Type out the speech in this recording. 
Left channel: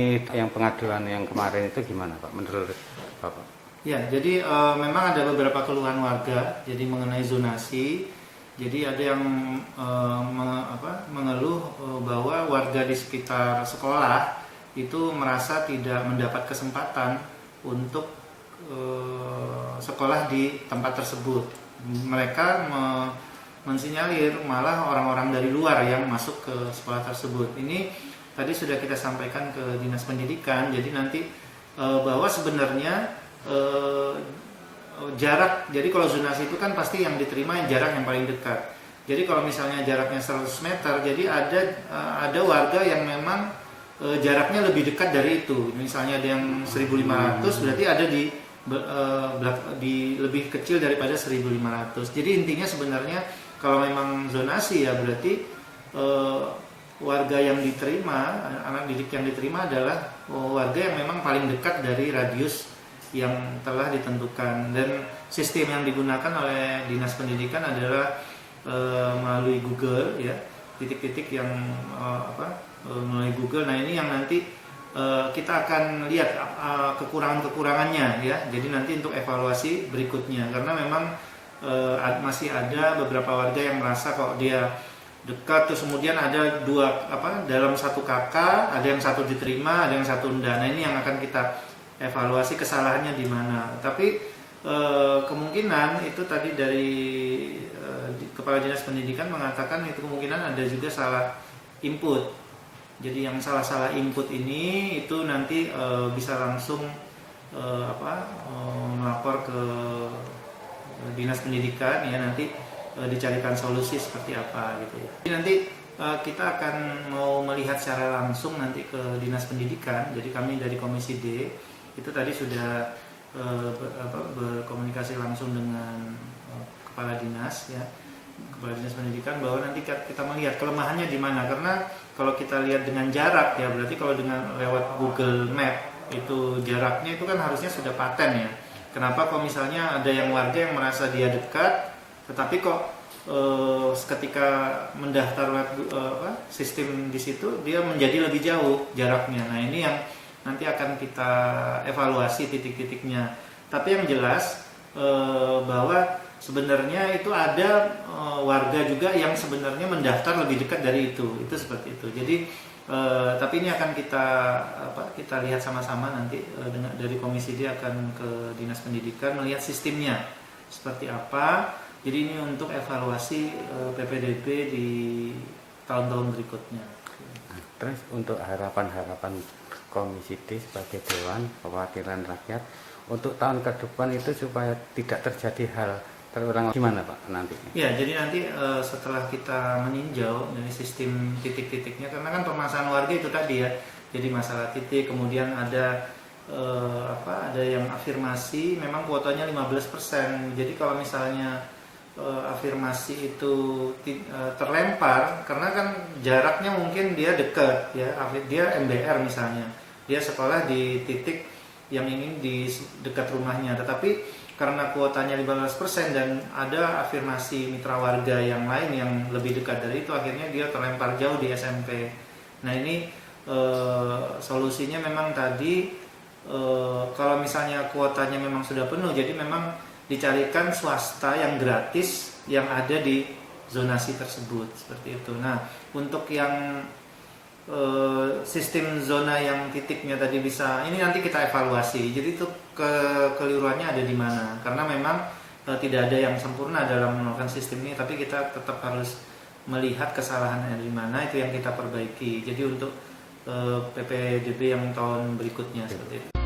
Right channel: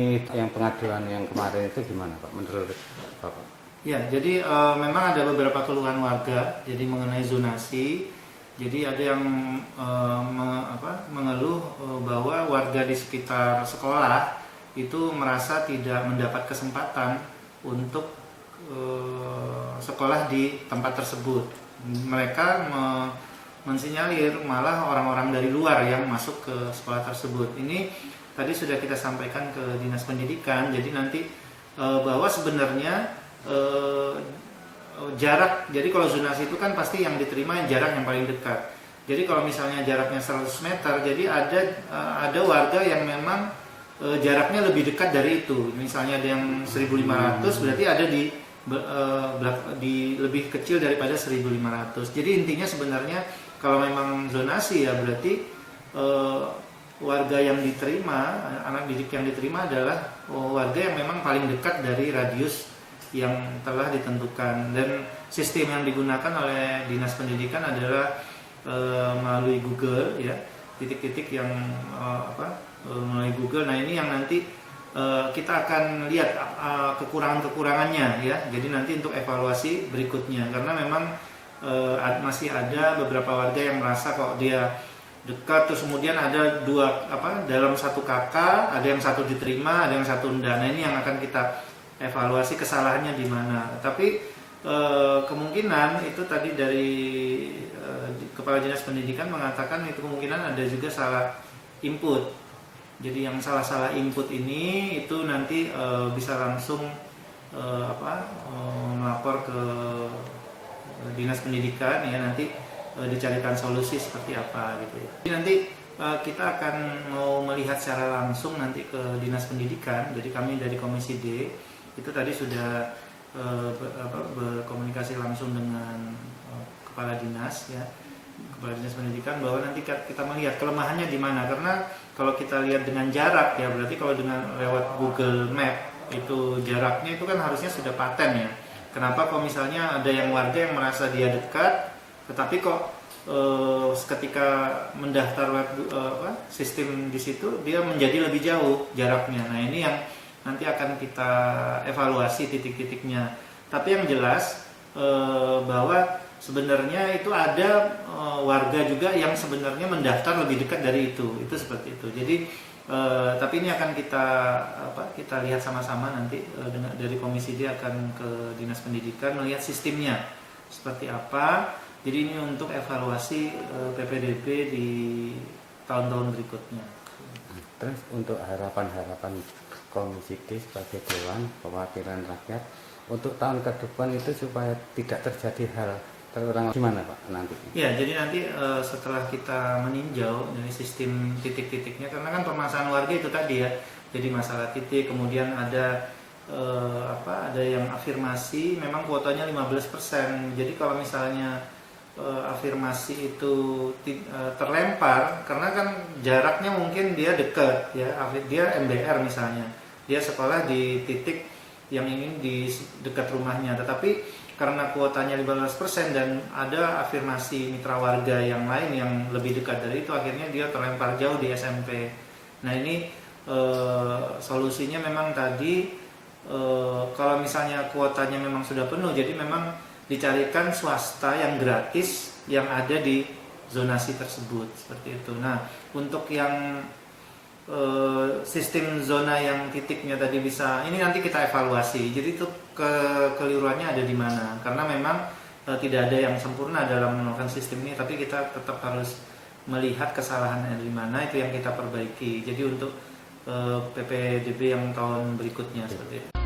Ini yang pengaduan yang kemarin itu gimana Pak, menurut Bapak? Ya, jadi memang ada beberapa keluhan warga, jadi mengenai zonasi. Jadi ada yang mengeluh bahwa warga di sekitar sekolah itu merasa tidak mendapat kesempatan untuk sekolah di tempat tersebut. Mereka mensinyalir malah orang-orang dari luar yang masuk ke sekolah tersebut. Ini tadi sudah kita sampaikan ke Dinas Pendidikan, jadi nanti bahwa sebenarnya jarak, jadi kalau zonasi itu kan pasti yang diterima yang jarak yang paling dekat. Jadi kalau misalnya jaraknya 100 meter, jadi ada warga yang memang jaraknya lebih dekat dari itu. Misalnya ada yang 1.500, berarti ada di lebih kecil daripada 1.500. Jadi intinya sebenarnya kalau memang zonasi ya berarti warga yang diterima, anak didik yang diterima adalah warga yang memang paling dekat dari radius yang telah ditentukan. Dan sistem yang digunakan oleh Dinas Pendidikan adalah melalui Google, ya, titik-titik yang melalui Google. Nah ini yang nanti kita akan lihat kekurangan-kekurangannya, ya. Jadi nanti untuk evaluasi berikutnya, karena memang masih ada beberapa warga yang merasa kok dia dekat, terus kemudian ada dalam satu kakak, ada yang satu diterima, ada yang satu enggak. Nah ini yang akan kita evaluasi kesalahannya di mana. Tapi kemungkinan itu tadi dari Kepala Dinas Pendidikan mengatakan itu kemungkinan ada juga salah input. Jadi yang salah input ini itu nanti bisa langsung melapor ke Dinas Pendidikan, ya, nanti dicarikan solusi seperti apa gitu ya. Jadi nanti kita akan mau melihat secara langsung nanti ke Dinas Pendidikan. Jadi kami dari Komisi D itu tadi sudah berkomunikasi langsung dengan Kepala Dinas, ya, Kepala Dinas Pendidikan, bahwa nanti kita melihat kelemahannya di mana. Karena kalau kita lihat dengan jarak, ya berarti kalau dengan lewat Google Map itu jaraknya itu kan harusnya sudah paten, ya. Kenapa kalau misalnya ada yang warga yang merasa dia dekat, tetapi kok ketika mendaftar sistem di situ dia menjadi lebih jauh jaraknya. Nah ini yang nanti akan kita evaluasi titik-titiknya. Tapi yang jelas bahwa sebenarnya itu ada warga juga yang sebenarnya mendaftar lebih dekat dari itu seperti itu. Jadi tapi ini akan kita lihat sama-sama nanti dari Komisi D akan ke Dinas Pendidikan melihat sistemnya seperti apa. Jadi ini untuk evaluasi PPDB di tahun-tahun berikutnya. Terus untuk harapan-harapan Komisi D sebagai Dewan Perwakilan Rakyat untuk tahun ke depan itu supaya tidak terjadi hal terulang, gimana Pak nanti? Ya, jadi nanti setelah kita meninjau dari sistem titik-titiknya, karena kan permasalahan warga itu tadi, ya. Jadi masalah titik, kemudian ada yang afirmasi, memang kuotanya 15%. Jadi kalau misalnya afirmasi itu terlempar, karena kan jaraknya mungkin dia dekat, ya, dia MBR misalnya, dia sekolah di titik yang ingin di dekat rumahnya, tetapi karena kuotanya 15% dan ada afirmasi mitra warga yang lain yang lebih dekat dari itu, akhirnya dia terlempar jauh di SMP. Nah ini solusinya memang tadi kalau misalnya kuotanya memang sudah penuh, jadi memang dicarikan swasta yang gratis yang ada di zonasi tersebut, seperti itu. Nah untuk yang sistem zona yang titiknya tadi bisa, ini nanti kita evaluasi. Jadi itu kekeliruannya ada di mana, karena memang tidak ada yang sempurna dalam melakukan sistem ini, tapi kita tetap harus melihat kesalahannya di mana, itu yang kita perbaiki. Jadi untuk PPDB yang tahun berikutnya seperti itu.